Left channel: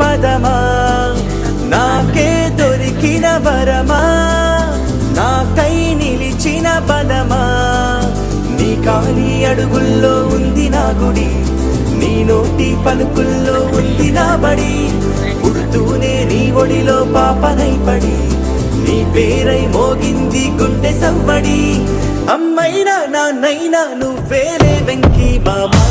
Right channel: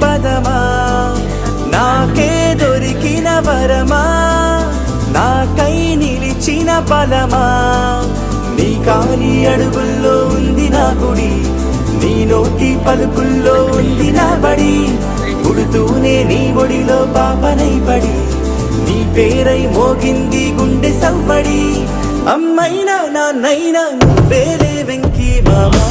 పదమా నాకే దొరికిన వరమా నాకై నిలిచిన పదమా నీ కారి అడుగుల్లో ఉంది నా గుడి నీ నోటి పలుకుల్లో ఉంది నా బడి పుడుతూనే నీ ఒడిలో పాపనై పడి నీ పేరై మోగింది గుండె సవ్వడి అమ్మైనా నాన్నైనా నువ్వేలే వెంకీ బాబా